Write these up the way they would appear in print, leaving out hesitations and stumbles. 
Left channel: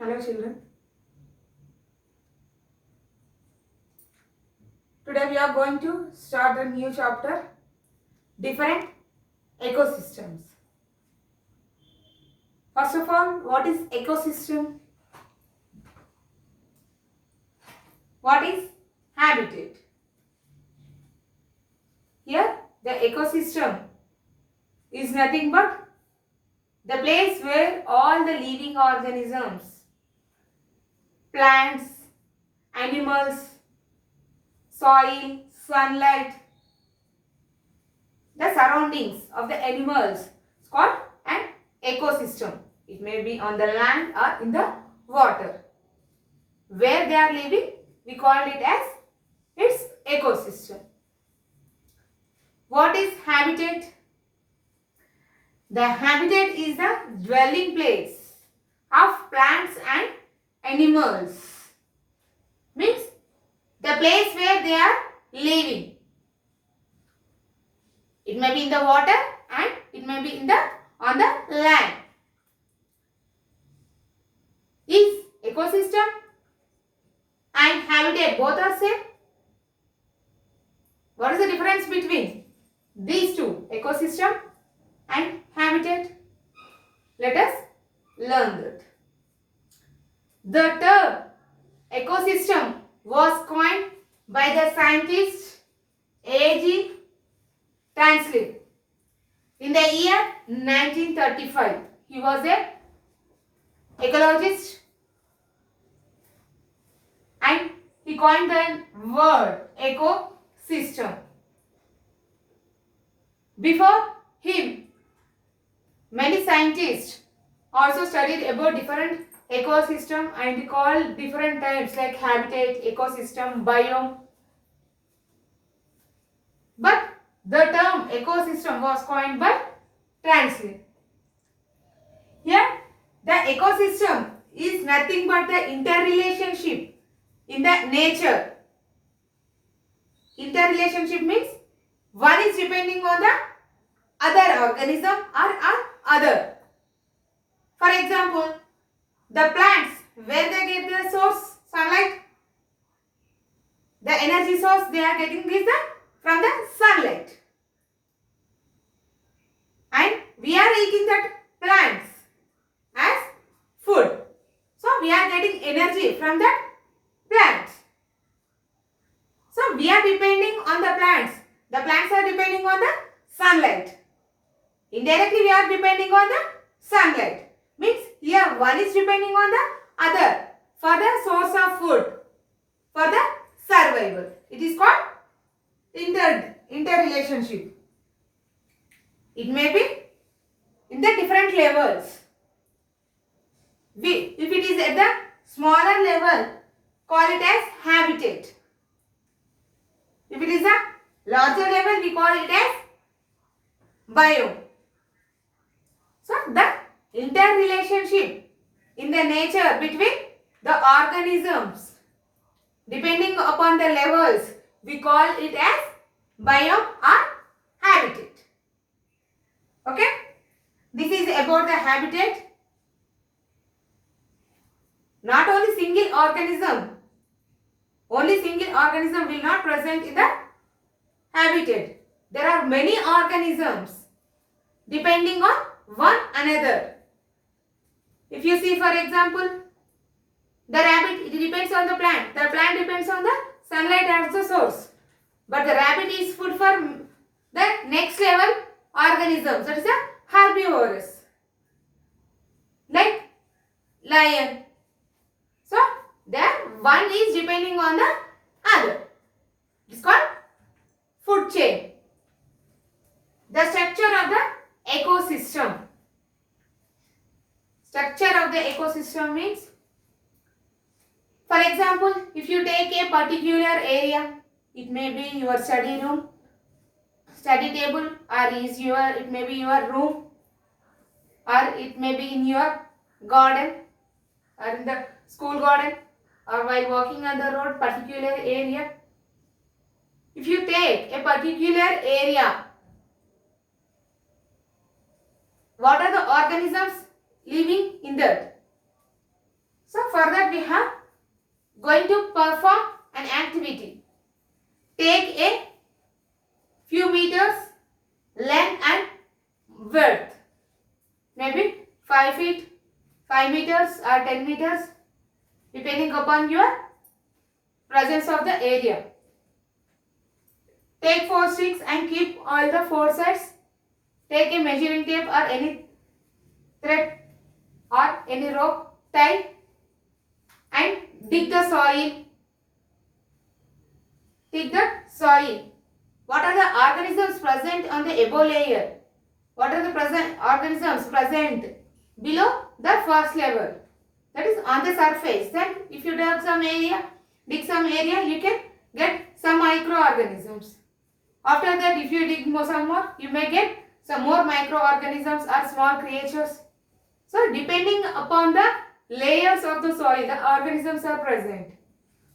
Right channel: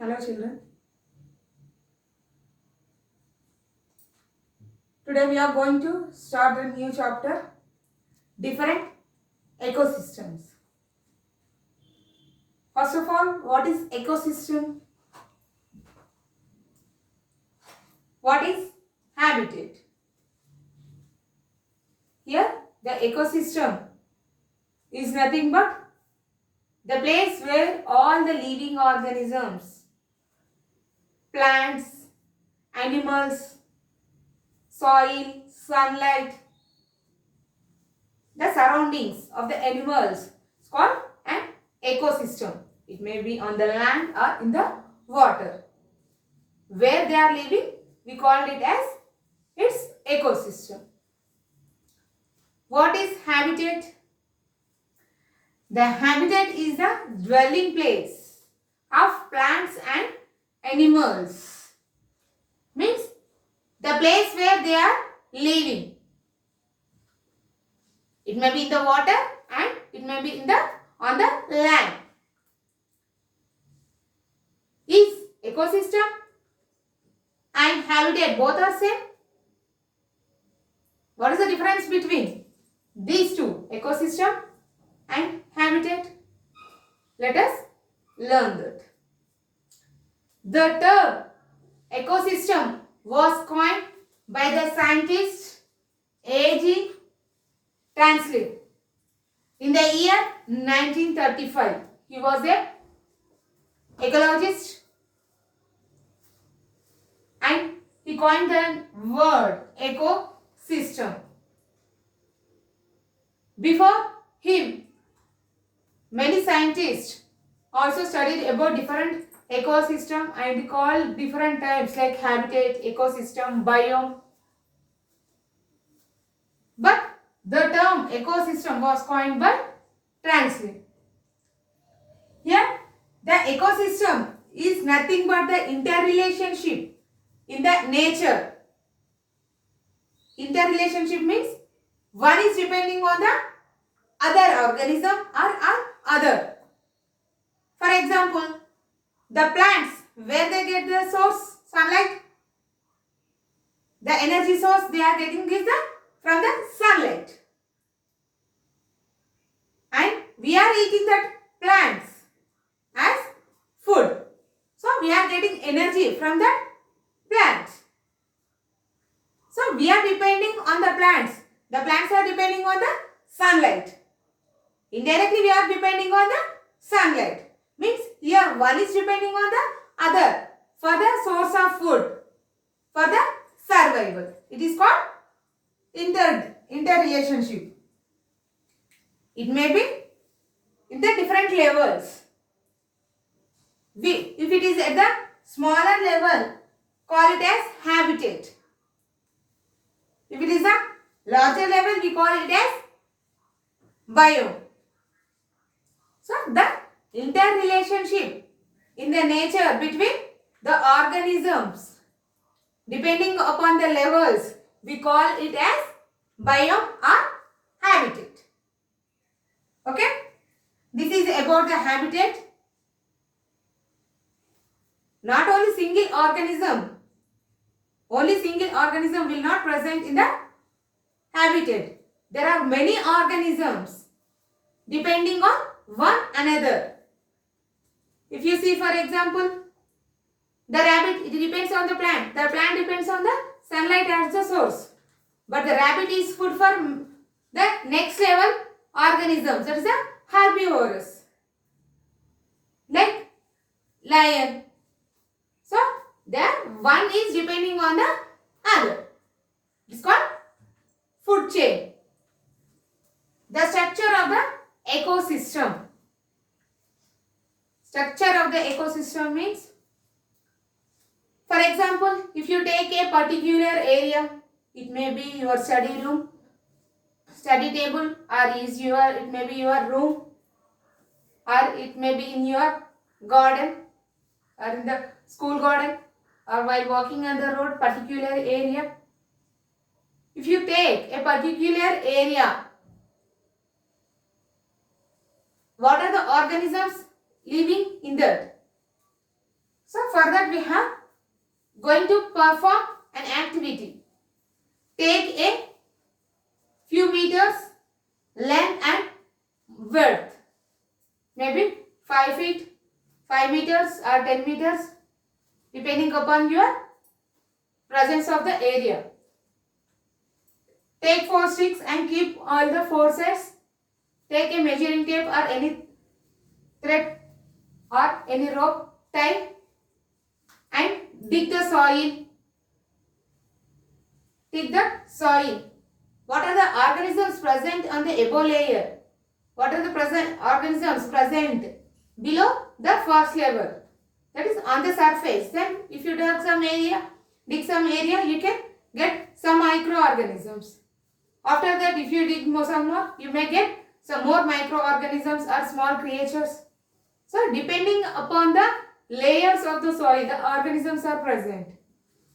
Hello children. Today we are going to start a new chapter, different ecosystems. First of all, what is ecosystem? What is habitat? Here the ecosystem is nothing but the place where all the living organisms, plants, animals, soil, sunlight, the surroundings of the animals is called an ecosystem. It may be on the land or in the water. Where they are living, we called it as its ecosystem. What is habitat? The habitat is the dwelling place of plants and animals. Means the place where they are living. It may be in the water and it may be on the land. Is ecosystem and habitat both are same? What is the difference between these two, ecosystem and habitat? Let us learn that. The term ecosystem was coined by the scientist A.G. Tansley in the year 1935. He was a ecologist and he coined the word ecosystem. Before him, many scientists also studied about different ecosystem and called different types like habitat, ecosystem, biome. But the term ecosystem was coined by Tansley. Here, the ecosystem is nothing but the interrelationship in the nature. Interrelationship means one is depending on the other organism or other. For example, the plants, where they get the source, sunlight, the energy source they are getting is from the sunlight. And we are eating that plants as food. So we are getting energy from that plants. So we are depending on the plants. The plants are depending on the sunlight. Indirectly we are depending on the sunlight. Means here one is depending on the other for the source of food, for the survival. It is called interrelationship. It may be in the different levels. If it is at the smaller level, call it as habitat. If it is a larger level, we call it as biome. So, the interrelationship in the nature between the organisms, depending upon the levels, we call it as biome or habitat. Okay? This is about the habitat. Not only single organism will not present in the habitat. There are many organisms depending on one another. If you see, for example, the rabbit, it depends on the plant. The plant depends on the sunlight as the source. But the rabbit is food for the next level organisms. That is a herbivorous. Like lion. So, there one is depending on the other. It is called food chain. The structure of the ecosystem. Structure of the ecosystem means, for example, if you take a particular area, it may be your study room, study table, or it may be your room, or it may be in your garden, or in the school garden, or while walking on the road, particular area. If you take a particular area, what are the organisms living in that? So for that we have going to perform an activity. Take a few meters length and width. Maybe 5 feet, 5 meters or 10 meters depending upon your presence of the area. Take 4 sticks and keep all the 4 sides. Take a measuring tape or any thread or any rope, tie and dig the soil. Dig the soil. What are the organisms present on the above layer? What are the organisms present below the first level? That is on the surface. Then if you dig some area, you can get some microorganisms. After that, if you dig some more, you may get some more microorganisms or small creatures. So depending upon the layers of the soil, the organisms are present.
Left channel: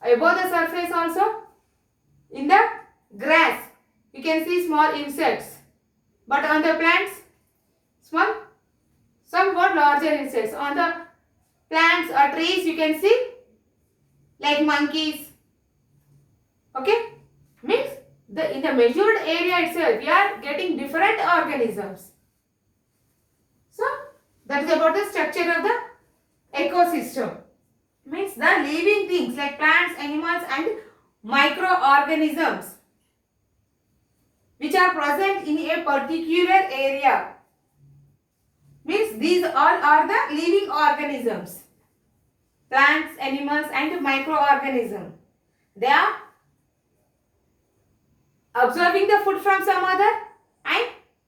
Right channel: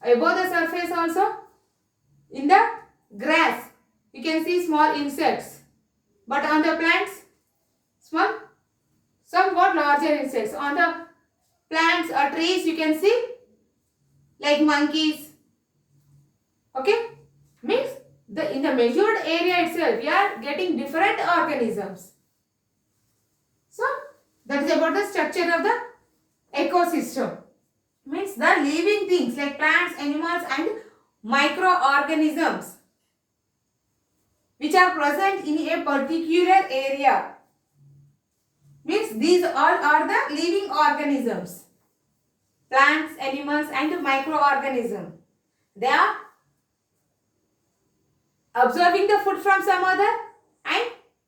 Above the surface also, in the grass, you can see small insects. But on the plants, somewhat larger insects. On the plants or trees, you can see like monkeys. Okay? Means in the measured area itself, we are getting different organisms. So, that is about the structure of the ecosystem. Means the living things like plants, animals and microorganisms which are present in a particular area. Means these all are the living organisms. Plants, animals and microorganisms. They are absorbing the food from some other and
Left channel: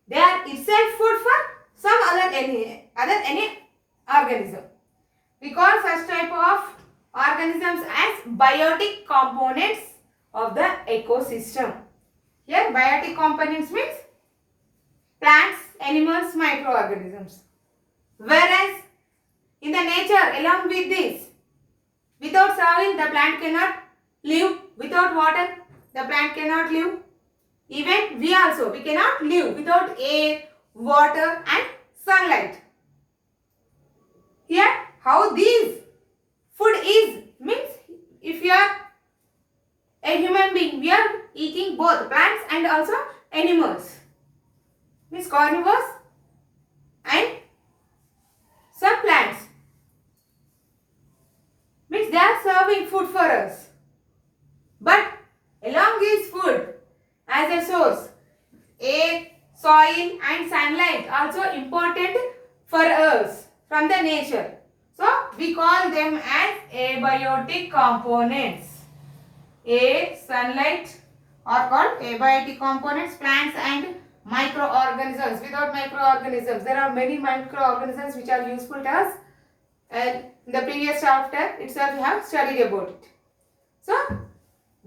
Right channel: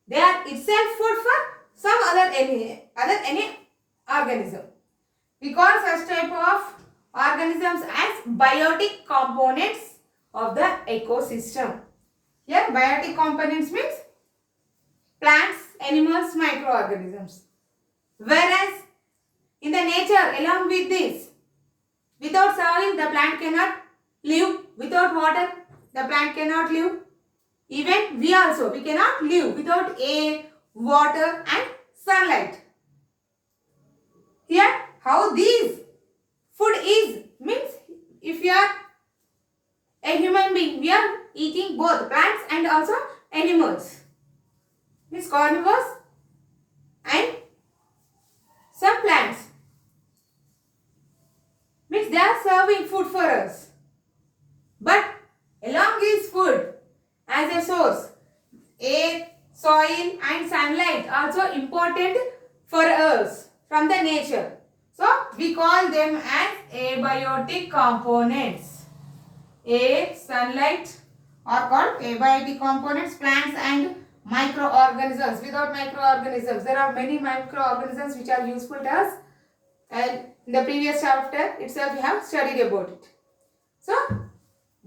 they are itself food for some other any organism. We call such type of organisms as biotic components of the ecosystem. Here biotic components means plants, animals, microorganisms. Whereas in the nature along with this, without soil the plant cannot live, without water the plant cannot live. Even we cannot live without air, water and sunlight. Here how these food is means if you are a human being, we are eating both plants and also animals. Means carnivores and some plants. Means they are serving food for us. But along this food as a source, air, soil and sunlight also important for us from the nature. So we call them as abiotic components. Air, sunlight are called abiotic components. Plants and microorganisms. Without microorganisms, there are many microorganisms which are useful to us. And in the previous chapter itself we have studied about it. So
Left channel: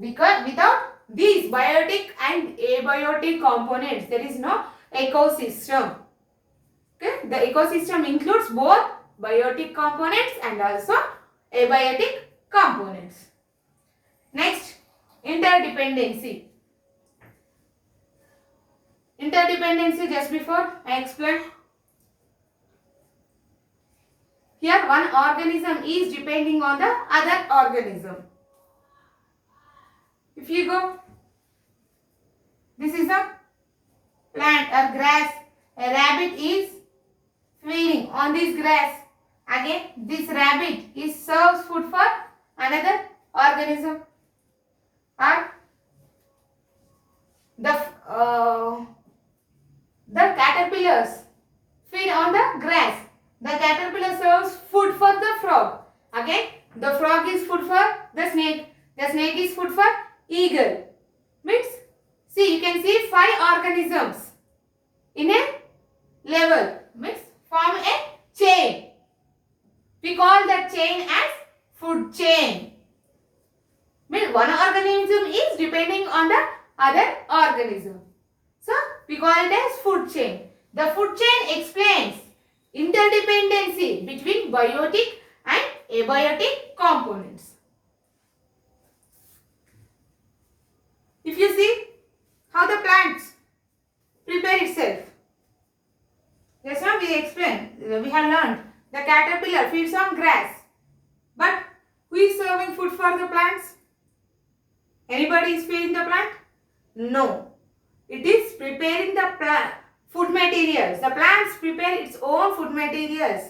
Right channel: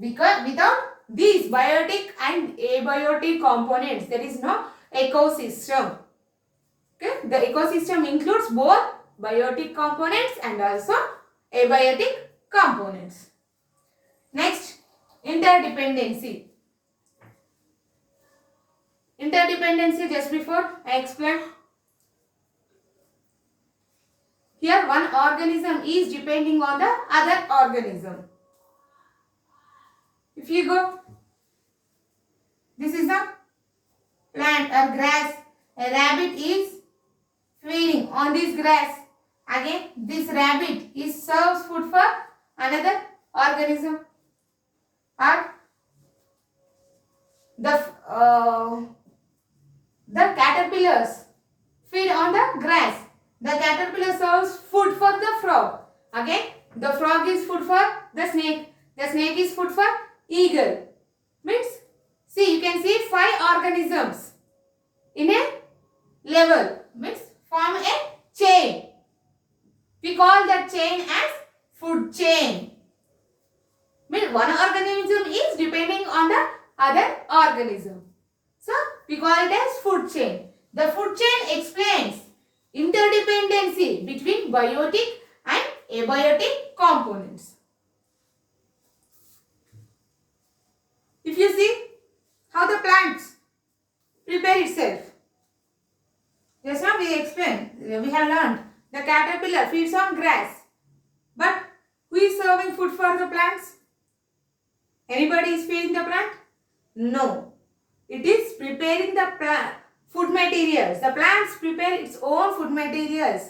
because without these biotic and abiotic components, there is no ecosystem. Okay, the ecosystem includes both biotic components and also abiotic components. Next, interdependency. Interdependency, just before I explained. Here one organism is depending on the other organism. If you go, this is a plant or grass. A rabbit is feeding on this grass. Again, this rabbit is serves food for another organism. Or the caterpillars feed on the grass. The caterpillar serves food for the frog. Again, the frog is food for the snake. The snake is food for eagle. Means, see, you can see 5 organisms in a level. Means, form a chain. We call that chain as food chain. Means, one organism is depending on the other organism. So, we call it as food chain. The food chain explains interdependency between biotic and abiotic components. If you see how the plants prepare itself. Just now we explained, we have learned the caterpillar feeds on grass. But who is serving food for the plants? Anybody is feeding the plant? No. It is preparing the food materials. The plants prepare its own food materials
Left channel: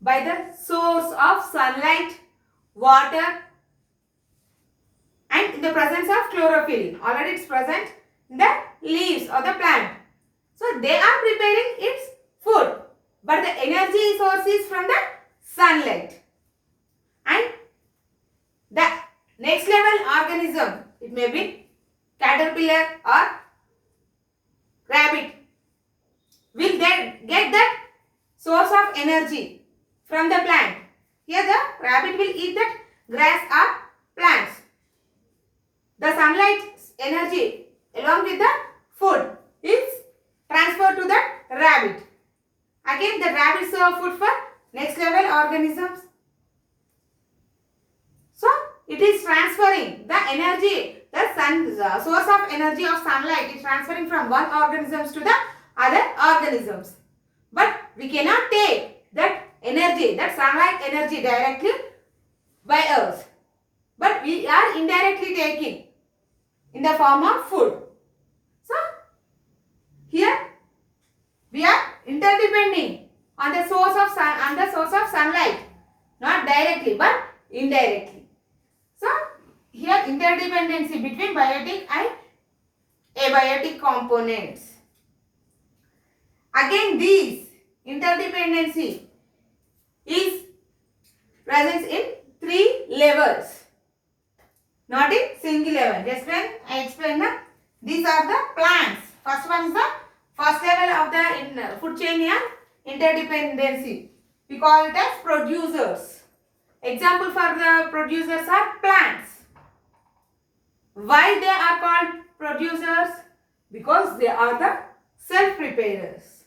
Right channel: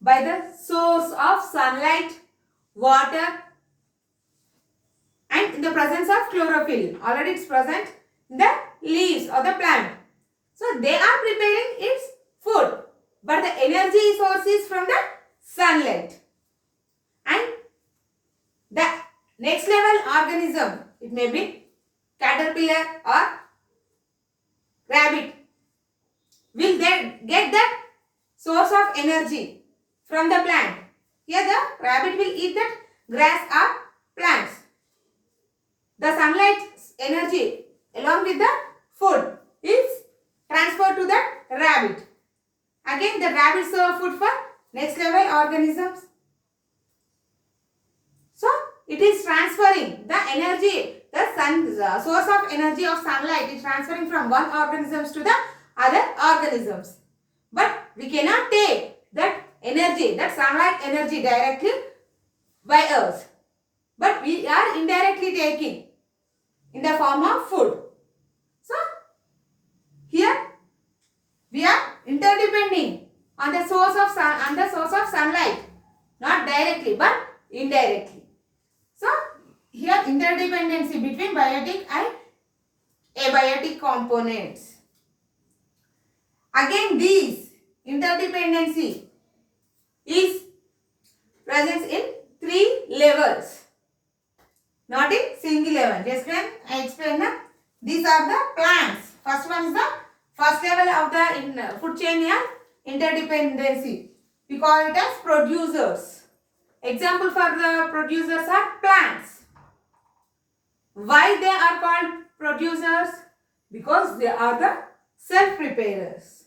by the source of sunlight, water, and in the presence of chlorophyll. Already it's present in the leaves or the plant. So they are preparing its food. But the energy source is from the sunlight. And the next level organism, it may be caterpillar or rabbit, will they get that source of energy from the plant. Here the rabbit will eat that grass or plants. The sunlight energy along with the food is transferred to the rabbit. Again the rabbit serve food for next level organisms. So it is transferring the energy, the source of energy of sunlight is transferring from one organisms to the other organisms. But we cannot take that energy, that sunlight energy directly by us. But we are indirectly taking in the form of food. So here we are interdepending on the source of sunlight, not directly but indirectly. So here interdependency between biotic and abiotic components. Again these interdependency is present in 3 levels, not in single level. Just when I explain that these are the plants. First one is the first level of the food chain here, interdependency. We call it as producers. Example for the producers are plants. Why they are called producers? Because they are the self-preparers.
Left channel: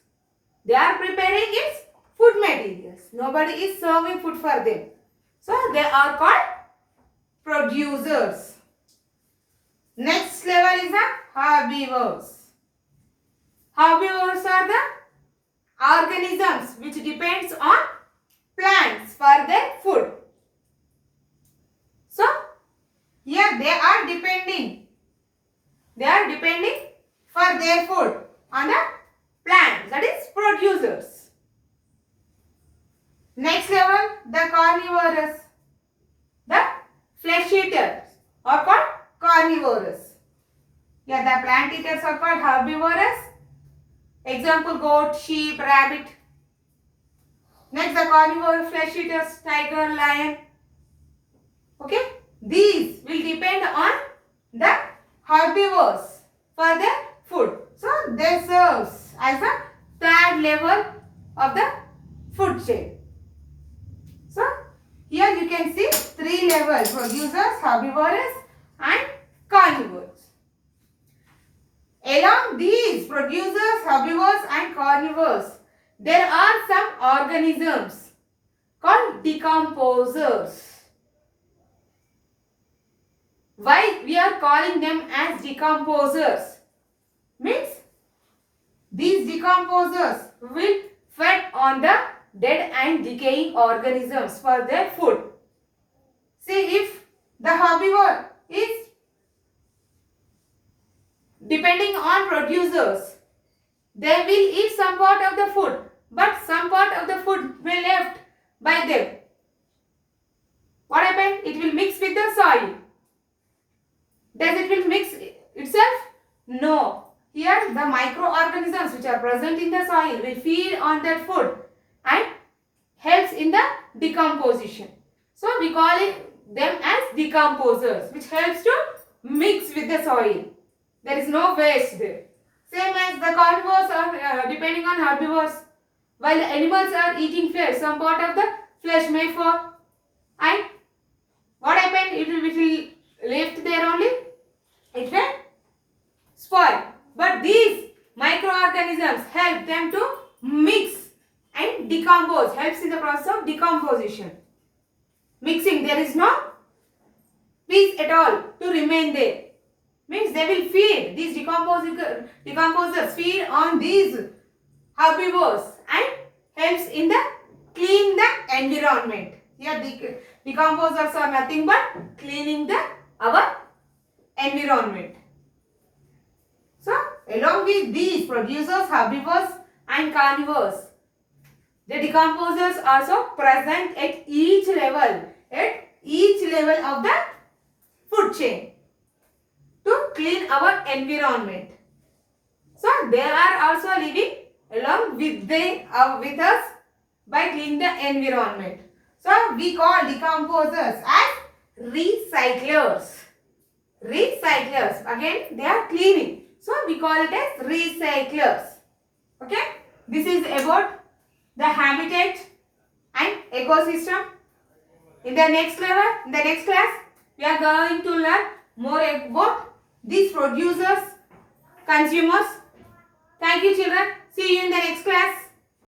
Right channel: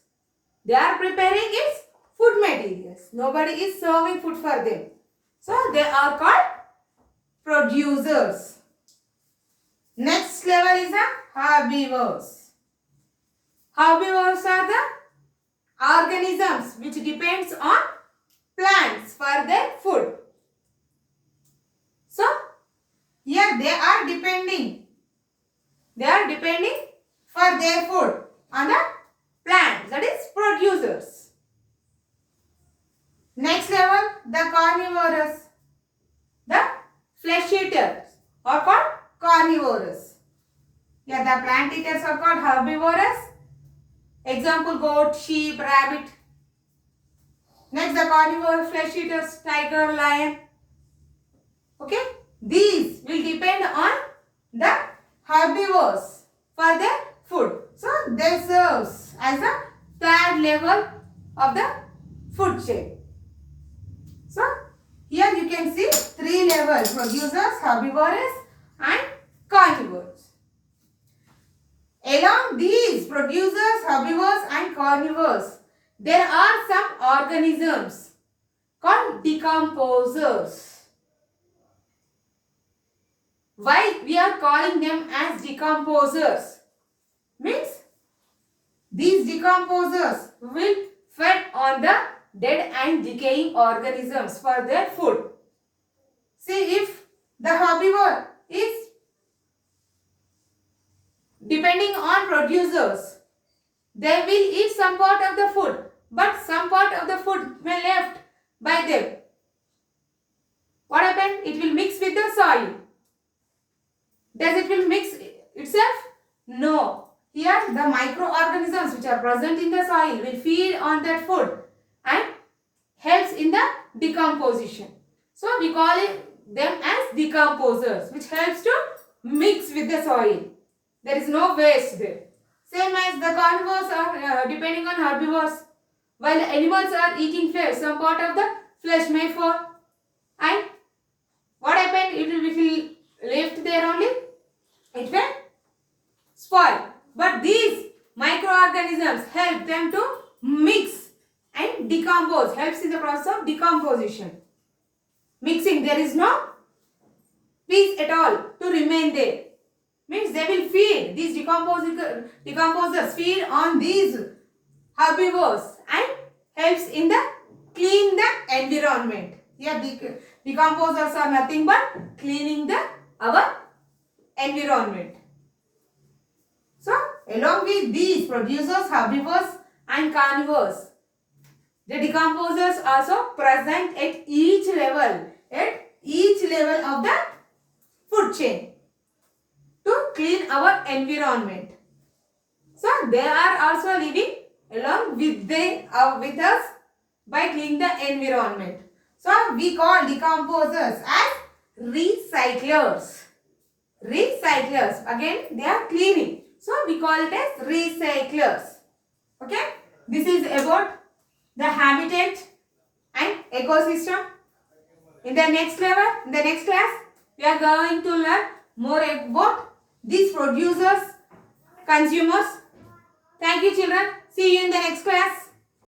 They are preparing its food materials. Nobody is serving food for them. So they are called producers. Next level is the herbivores. Herbivores are the organisms which depends on plants for their food. So here they are depending for their food on the plants, that is producers. Next level, the carnivorous. The flesh eaters are called carnivorous. Here the plant eaters are called herbivorous. Example, goat, sheep, rabbit. Next the carnivore flesh eaters, tiger, lion. Okay, these will depend on the herbivores for their food. So they serves as the third level of the food chain. So here you can see 3 levels: producers, herbivores and carnivores. Along these producers, herbivores and carnivores, there are some organisms called decomposers. Why we are calling them as decomposers? Means these decomposers will feed on the dead and decaying organisms for their food. See, if the herbivore is depending on producers, they will eat some part of the food, but some part of the food may left by them. What happened? It will mix with the soil. Does it will mix itself? No. Here the microorganisms which are present in the soil will feed on that food and helps in the decomposition. So we call them as decomposers, which helps to mix with the soil. There is no waste there. Same as the carnivores are depending on herbivores, while animals are eating flesh. Some part of the flesh may fall, and what happened? It will left there only. It will spoil. But these microorganisms help them to mix and decompose. Helps in the process of decomposition. Mixing, there is no piece at all to remain there. Means they will feed, these decomposers feed on these herbivores and helps in the clean the environment. Here Decomposers are nothing but cleaning our environment. So, along with these producers, herbivores and carnivores, the decomposers also present at each level of the food chain to clean our environment. So, they are also living along with us by cleaning the environment. So, we call decomposers as recyclers. Recyclers. Again, they are cleaning. So, we call it as recyclers. Okay. This is about the habitat and ecosystem. In the next class, we are going to learn more about these producers, consumers. Thank you, children. See you in the next class.